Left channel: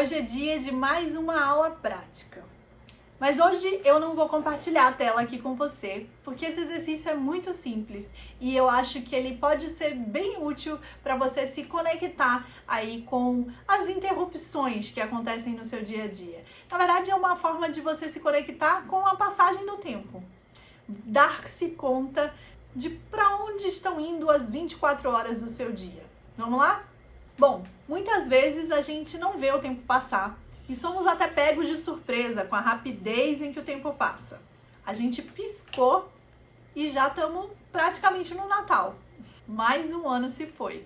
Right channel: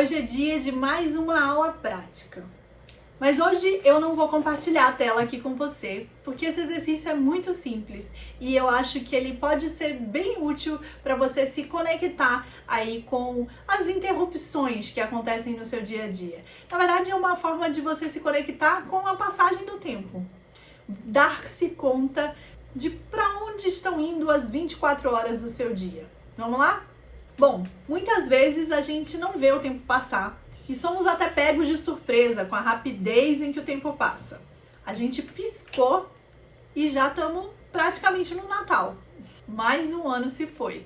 Hoje é dia de mais uma aula prática. Mas hoje eu não vou compartilhar a tela aqui com você, porque esse exercício é muito simples e eu acho que ele pode ser bem útil para você se conectar aí com as interrupções que acontecem no seu dia a dia. Na verdade, é uma forma de você se conectar com a passagem do tempo. Dar-se conta de para onde estão indo as 24 horas do seu dia. Vamos lá? Bom, muitas vezes a gente não vê o tempo passar e somos até pegos de surpresa com a rapidez em que o tempo passa. A gente piscou e já estamos praticamente no Natal. Mais um ano se foi.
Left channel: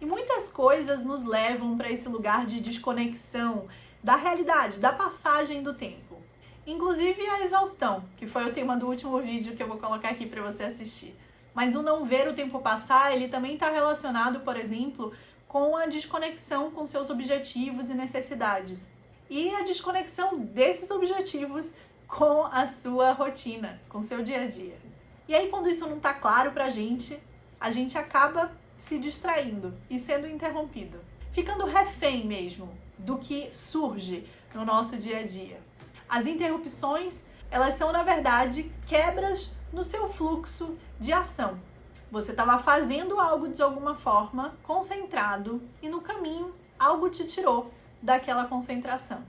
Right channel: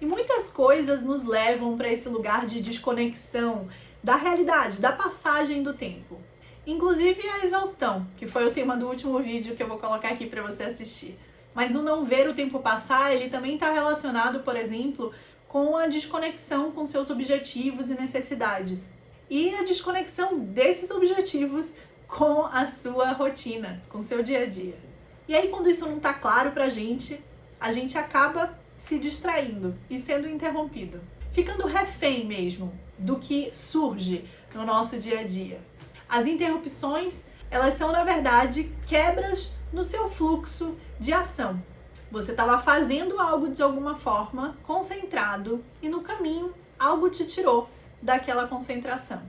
E muitas coisas nos levam para esse lugar de desconexão da realidade, da passagem do tempo. Inclusive a exaustão, que foi o tema do último vídeo que eu vou colocar aqui para você assistir. Mas o não ver o tempo passar, ele também está relacionado, por exemplo, com a desconexão com seus objetivos e necessidades. E a desconexão desses objetivos com a sua rotina, com o seu dia a dia. E aí, quando isso não está claro pra gente, a gente acaba se distraindo e sendo interrompido. Ficando refém mesmo do que surge no nosso dia a dia. As interrupções, elas são, na verdade, quebras no seu fluxo de ação. Você estava fazendo algo de alguma forma, concentrado, e no caminho algo te tirou daquela concentração.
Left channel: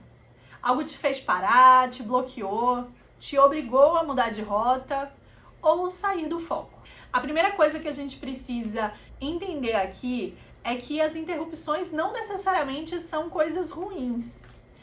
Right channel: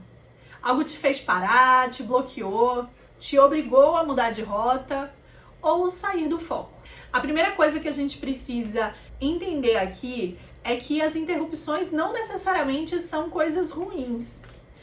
Algo te fez parar, te bloqueou, te obrigou a mudar de rota ou sair do foco. A primeira coisa que a gente precisa entender aqui é que as interrupções não necessariamente são coisas ruins.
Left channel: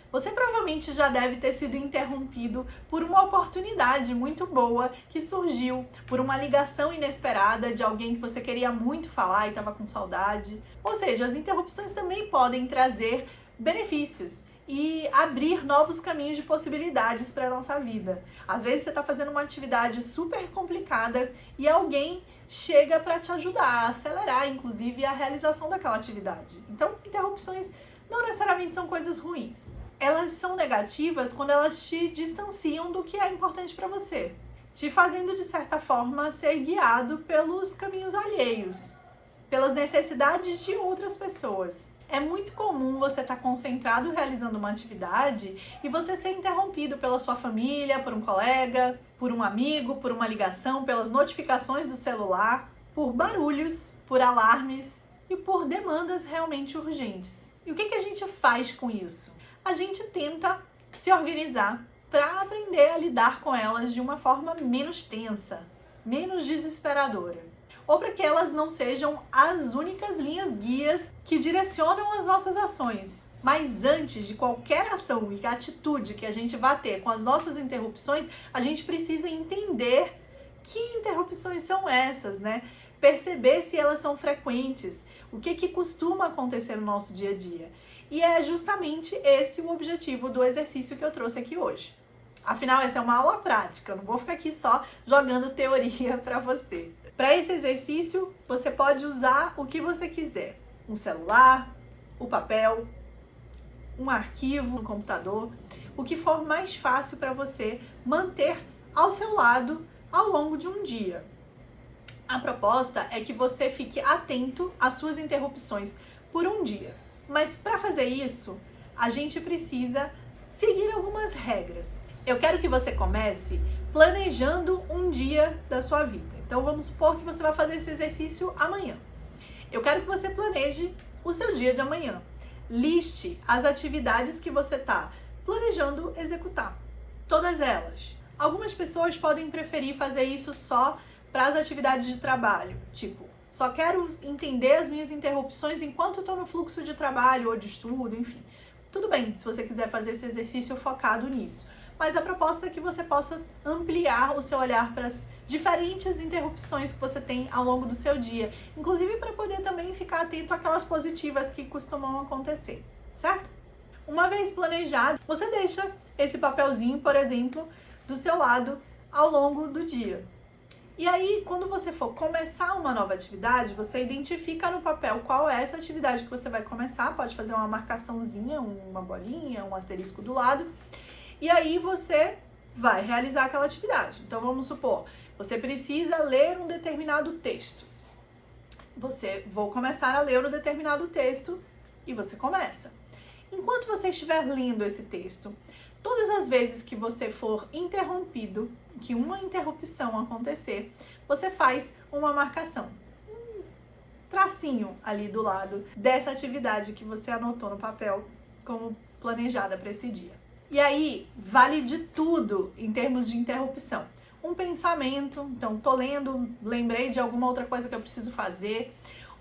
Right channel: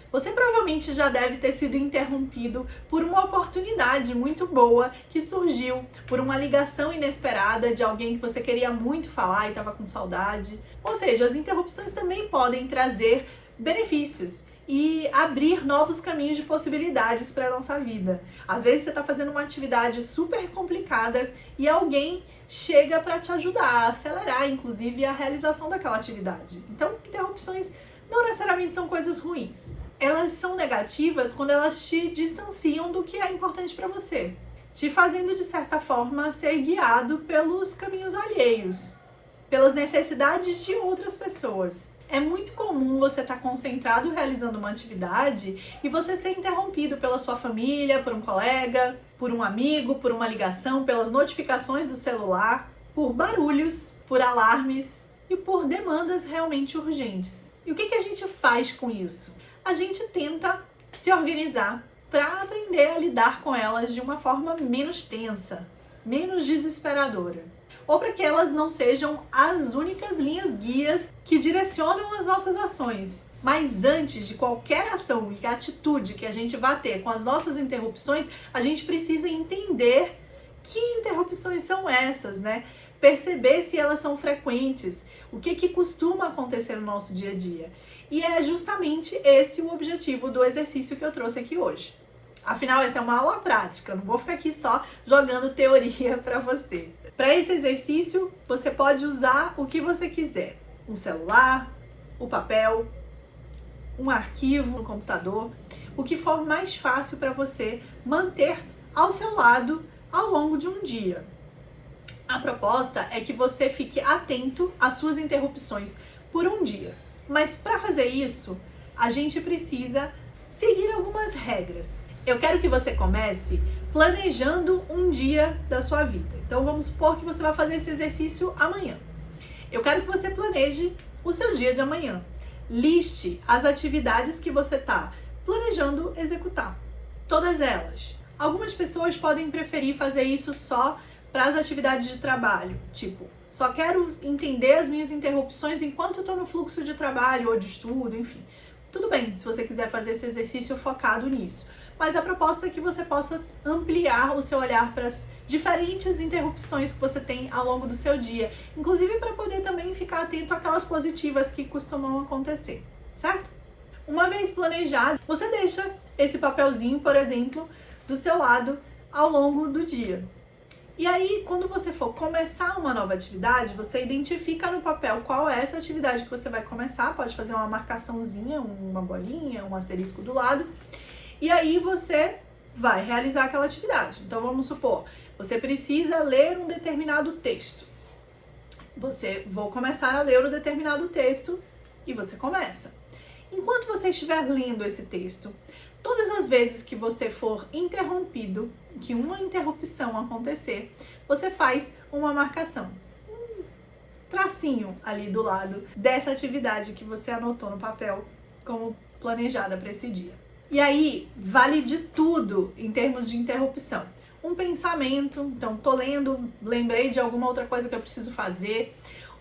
Você provavelmente já deve ter sido interrompido por uma oportunidade muito boa que surgiu, por uma ligação inesperada de alguém que você queria muito falar e estava com saudade. Ou seja, as interrupções também podem trazer benefícios e abrir novos caminhos de possibilidades para a nossa vida. Às vezes você está fazendo uma atividade super complicada e alguém chega para te ajudar a acelerar, inclusive, a realização daquela atividade. Então, interrupções não necessariamente são coisas ruins. Elas são negativas quando elas te distanciam do que é importante para você, te fazendo, de certa forma, ser guiado pelos caminhos alheios, pelas necessidades de outras pessoas. É muito comum você estar concentrado realizando uma atividade e você ser interrompido pela sua família, por um colega, por um amigo, por uma ligação, pelas notificações do celular, por barulhos, por alarmes e por demandas realmente urgentes. E o que a gente faz com isso? A gente tenta se organizar para aprender a lidar com elas de uma forma menos tensa, menos desesperadora. Ou para que elas não sejam as únicas linhas guias que direcionam as nossas ações. Mas antes de qualquer ação e atitude que a gente vá ter com as nossas interrupções, a gente precisa entender que interrupções são essas, né? Perceber se elas são frequentes, o que costuma acontecer no nosso dia a dia. E é justamente esse o objetivo do exercício que eu trouxe aqui hoje. Afinal, essa é uma aula prática, eu não vou ficar aqui só jogando teoria para você. Para esse exercício, você pode usar o que você quiser. Um celular, o papel, um arquivo no computador, o que for mais fácil para você manter ao seu lado ao longo de um dia. A proposta é que você fique atento às suas interrupções por um dia. Mas para fazer isso, a gente precisa seguir algumas regras. Eu quero que você comece planejando um dia da sua vida. Então vamos supor que você vai fazer esse exercício amanhã. Eu quero que você planeje o seu dia de amanhã. Liste as atividades que você está planejando executar. Todas elas. Algumas pessoas podem preferir fazer isso só para as atividades de trabalho. Tipo, só quero entender as minhas interrupções enquanto estou no fluxo de trabalho ou de estudo, enfim. Tudo bem, se você quiser fazer esse exercício focado nisso. Mas a proposta é que você possa ampliar o seu olhar para as diferentes interrupções que você tem ao longo do seu dia, inclusive para poder também ficar atento àquelas positivas que costumam acontecer, certo? Uma vez planejado, você deixa esse papelzinho, por exemplo, do seu lado ao longo do dia. E aí, quando você for começar uma nova atividade, você identifica no papel qual é essa atividade que você vai começar, pode fazer uma marcaçãozinha, uma bolinha, um asterisco do lado, e aí você vai realizar aquela atividade. Então vamos supor, você precisa ler um determinado texto. Vou começar a ler um determinado texto e você começa. Enquanto você estiver lendo esse texto, todas as vezes que você for interrompido, que uma interrupção acontecer, você faz uma marcação, um tracinho ali do lado dessa atividade que você anotou no papel como planejada para esse dia. E aí, vale de tudo em termos de interrupção. Um pensamento, então tô lendo, lembrei de alguma outra coisa que eu preciso fazer,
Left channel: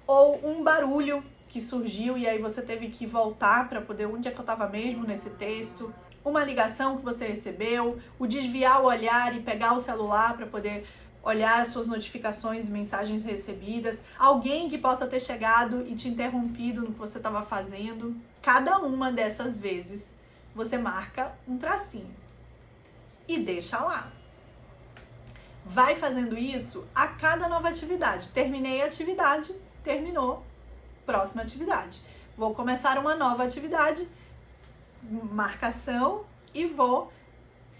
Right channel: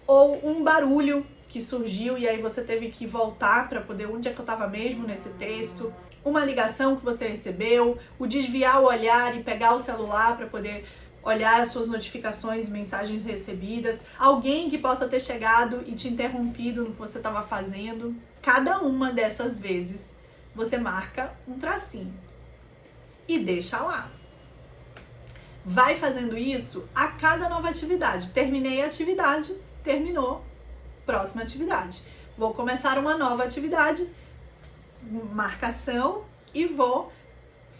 ou um barulho que surgiu e aí você teve que voltar para poder, onde é que eu estava mesmo nesse texto, uma ligação que você recebeu, o desviar o olhar e pegar o celular para poder olhar as suas notificações e mensagens recebidas, alguém que possa ter chegado e te interrompido no que você estava fazendo. Cada uma dessas vezes você marca um tracinho e deixa lá. Vai fazendo isso a cada nova atividade. Terminei a atividade, terminou, próxima atividade. Vou começar uma nova atividade, marcação, e vou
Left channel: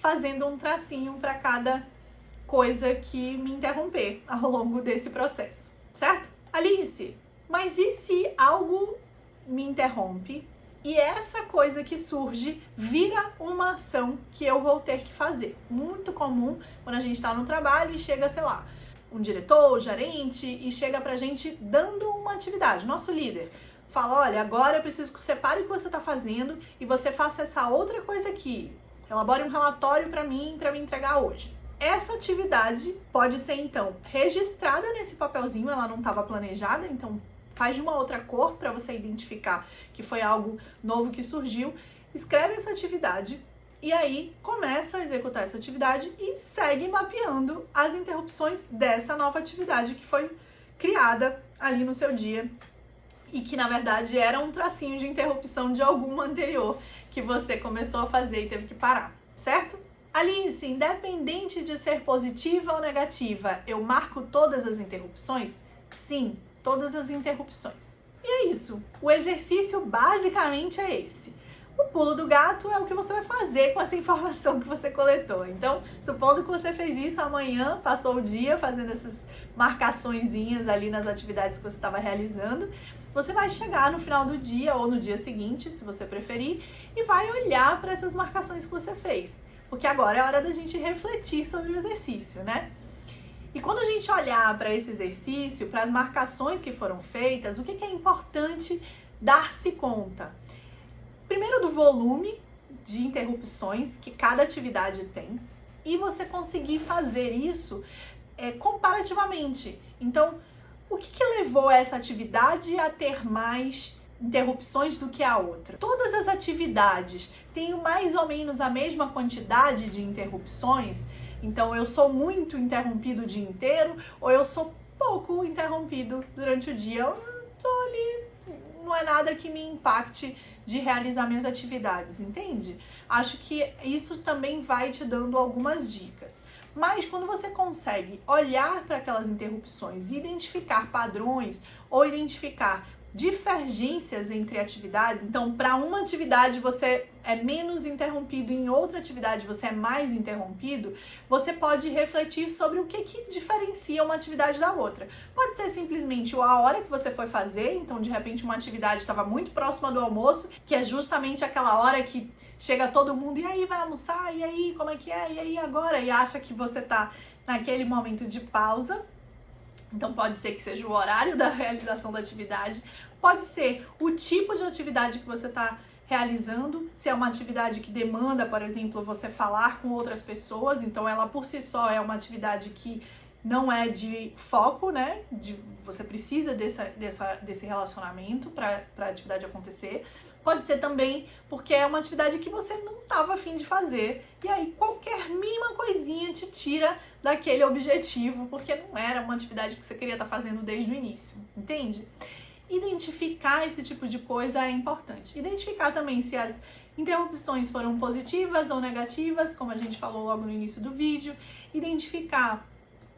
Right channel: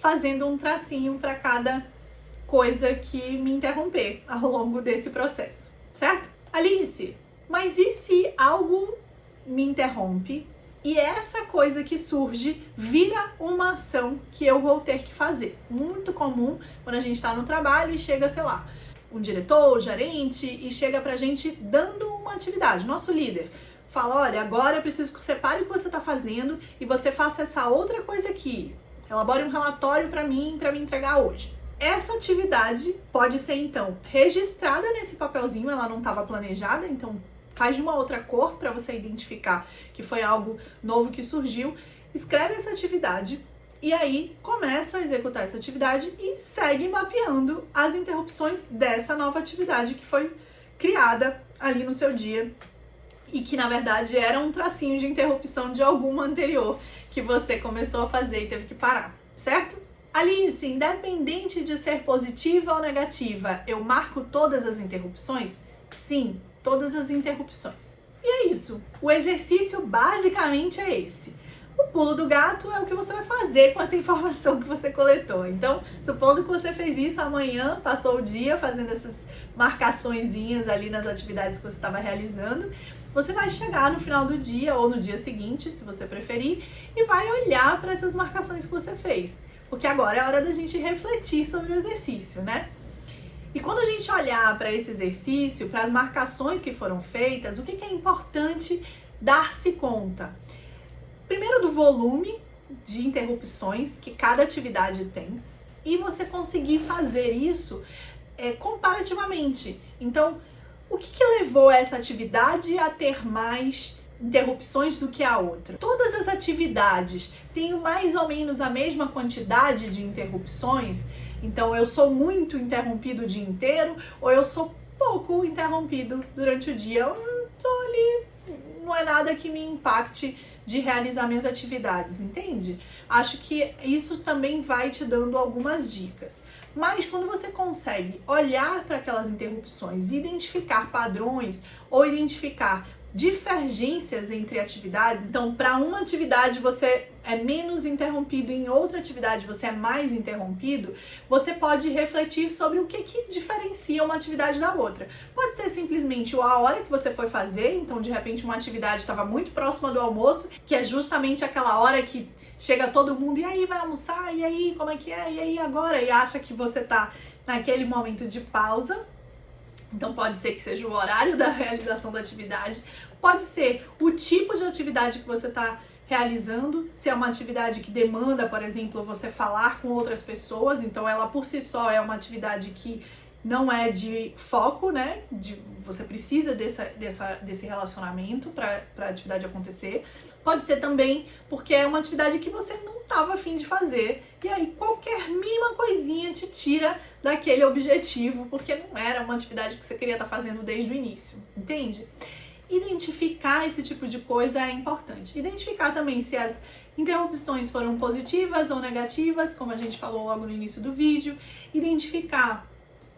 fazendo um tracinho para cada coisa que me interromper ao longo desse processo, certo? Alice, mas e se algo me interrompe e essa coisa que surge vira uma ação que eu vou ter que fazer? Muito comum quando a gente está no trabalho e chega, sei lá, um diretor, gerente, e chega pra gente dando uma atividade, nosso líder fala, olha, agora eu preciso que você pare o que você está fazendo e você faça essa outra coisa aqui, elabore um relatório para mim entregar hoje. Essa atividade pode ser, então, registrada nesse papelzinho, ela não estava planejada, então faz de uma outra cor para você identificar que foi algo novo que surgiu, escreve essa atividade e aí começa a executar essa atividade e segue mapeando as interrupções dessa nova atividade que foi criada ali no seu dia e que, na verdade, era um tracinho de interrupção de alguma anterior que você começou a fazer e teve que parar, certo? Alice, independente de ser positiva ou negativa, eu marco todas as interrupções? Sim, todas as interrupções. E é isso. O exercício basicamente é esse. O pulo do gato é o que você vai fazer com essa informação que você coletou. Então, supondo que você fez isso amanhã, passou o dia fazendo essas marcaçõezinhas ali nas atividades que você estava realizando, você vai chegar no final do dia ou no dia seguinte, se você preferir, e vai olhar para essas marcações que você fez. Porque agora é hora da gente refletir sobre o exercício, né? E quando a gente olhar para esse exercício, para as marcações que foram feitas, o que é importante dar-se conta? Primeiro, do volume de interrupções que cada atividade tem, e você conseguir fazer isso comparativamente. Então, o que levou essa atividade a ter mais interrupções do que a outra? Todas as atividades têm mais ou menos a mesma quantidade de interrupções, então eu sou muito interrompido o dia inteiro ou eu sou pouco interrompido durante o dia. Eu tô ali, não é nada que me impacte de realizar minhas atividades, entende? Acho que isso também vai te dando algumas dicas. Mas quando você consegue olhar para aquelas interrupções e identificar padrões ou identificar divergências entre atividades, então para uma atividade você é menos interrompido, em outra atividade você é mais interrompido, você pode refletir sobre o que diferencia uma atividade da outra. Pode ser simplesmente a hora que você foi fazer, então de repente uma atividade estava muito próxima do almoço, que é justamente aquela hora que chega todo mundo, e aí vai almoçar, e aí como é que é, e aí agora, e acha que você tá naquele momento de pausa. Então pode ser que seja o horário da realização da atividade, pode ser o tipo de atividade que você está realizando, se é uma atividade que demanda, por exemplo, você falar com outras pessoas, então ela por si só é uma atividade que não é de foco, né? Você precisa desse relacionamento para a atividade acontecer. Pode ser também porque é uma atividade que você não estava a fim de fazer, e aí qualquer mínima coisinha te tira daquele objetivo, porque não era uma atividade que você queria estar fazendo desde o início, entende? Identificar esse tipo de coisa é importante. Identificar também se as interrupções foram positivas ou negativas, como a gente falou logo no início do vídeo. Identificar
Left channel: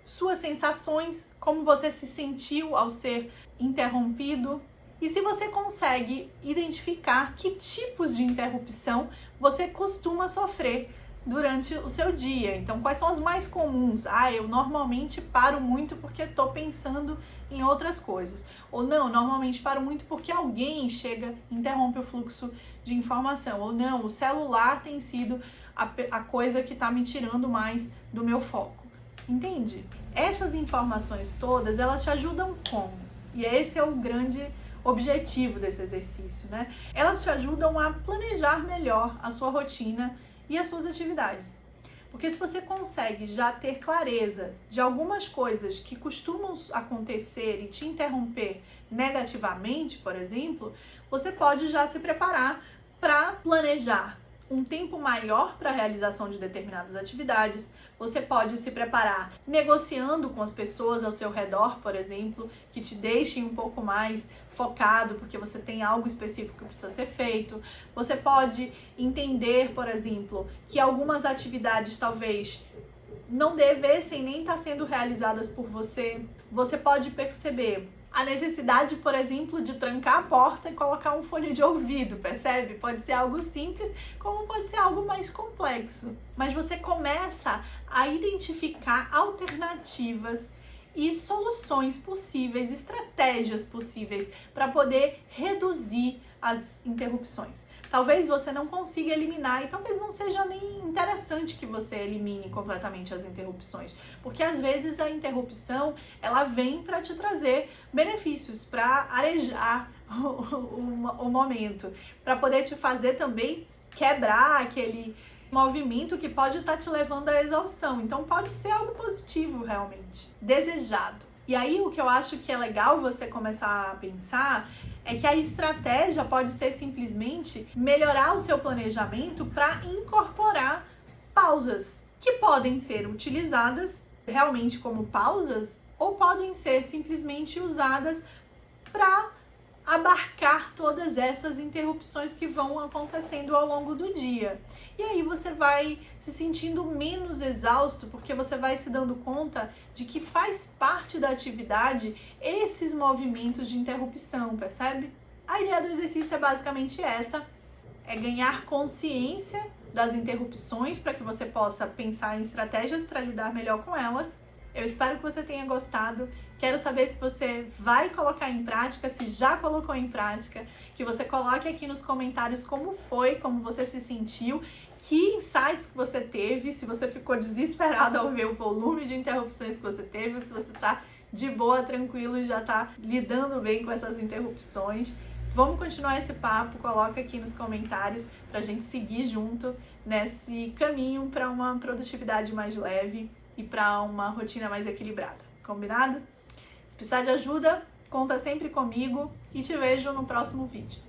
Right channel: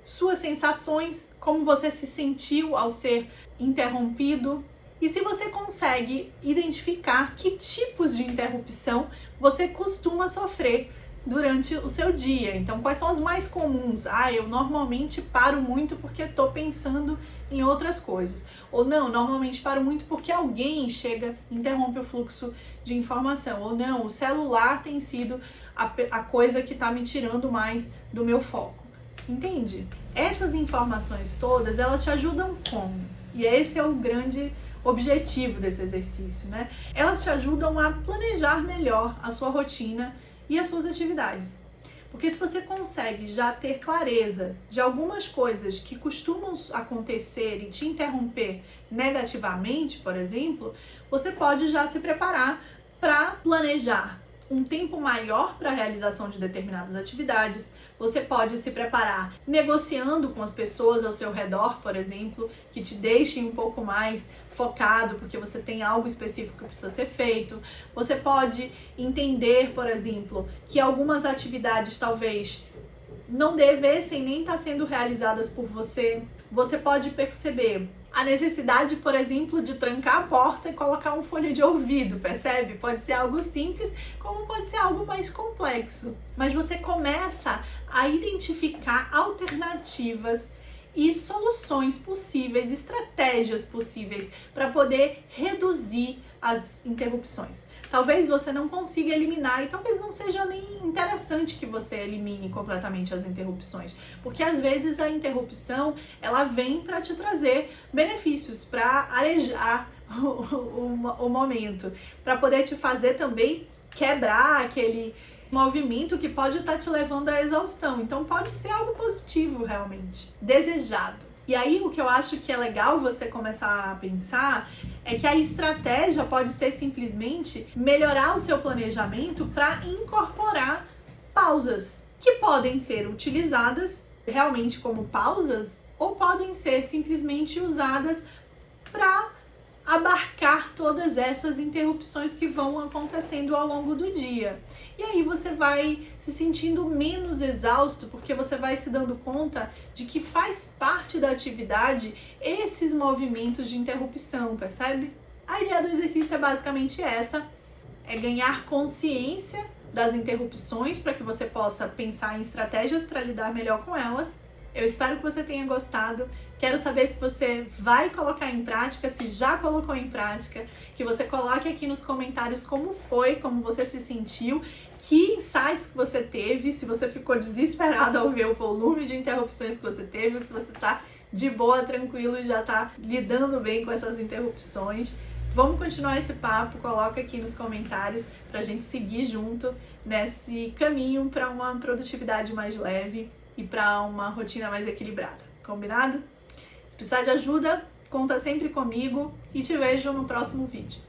suas sensações, como você se sentiu ao ser interrompido. E se você consegue identificar que tipos de interrupção você costuma sofrer durante o seu dia. Então, quais são as mais comuns? Eu normalmente paro muito porque estou pensando em outras coisas. Ou não, normalmente paro muito porque alguém chega e interrompe o fluxo de informação. Ou não, o celular tem sido a coisa que está me tirando mais do meu foco. Entende? Essas informações todas, elas te ajudam como? E esse é o grande objetivo desse exercício, né? Elas te ajudam a planejar melhor a sua rotina e as suas atividades. Porque se você consegue já ter clareza de algumas coisas que costumam acontecer e te interromper negativamente, por exemplo, você pode já se preparar para planejar um tempo maior para a realização de determinadas atividades. Você pode se preparar negociando com as pessoas ao seu redor, por exemplo, que te deixem um pouco mais focado, porque você tem algo específico que precisa ser feito. Você pode entender, por exemplo, que algumas atividades talvez não devessem nem estar sendo realizadas por você. Você pode perceber a necessidade, por exemplo, de trancar a porta e colocar um fone de ouvido, percebe? Pode ser algo simples, como pode ser algo mais complexo. Mas você começa a identificar alternativas e soluções possíveis, estratégias possíveis para poder reduzir as interrupções. Talvez você não consiga eliminar e talvez não seja nem interessante que você elimine completamente as interrupções, porque às vezes a interrupção ela vem para te trazer benefícios, para arejar o momento, para poder te fazer também quebrar aquele movimento que pode estar te levando à exaustão. Então pode ser algo positivo realmente, desejado. E aí o que eu acho que é legal você começar a pensar é que a estratégia pode ser simplesmente melhorar o seu planejamento para incorporar pausas que podem ser utilizadas realmente como pausas ou podem ser simplesmente usadas para abarcar todas essas interrupções que vão acontecendo ao longo do dia. E aí você vai se sentindo menos exausto, porque você vai se dando conta de que faz parte da atividade esses movimentos de interrupção, percebe? A ideia do exercício é basicamente essa, é ganhar consciência das interrupções para que você possa pensar em estratégias para lidar melhor com elas. Eu espero que você tenha gostado. Quero saber se você vai colocar em prática, se já colocou em prática, que você coloque aqui nos comentários como foi, como você se sentiu, que insights que você teve, se você ficou desesperado ao ver o volume de interrupções que você teve, se você tá de boa, tranquilo e já tá lidando bem com essas interrupções. Vamos continuar esse papo, coloca aqui nos comentários pra gente seguir junto nesse caminho para uma produtividade mais leve e para uma rotina mais equilibrada. Combinado? Se precisar de ajuda, conta sempre comigo e te vejo no próximo vídeo.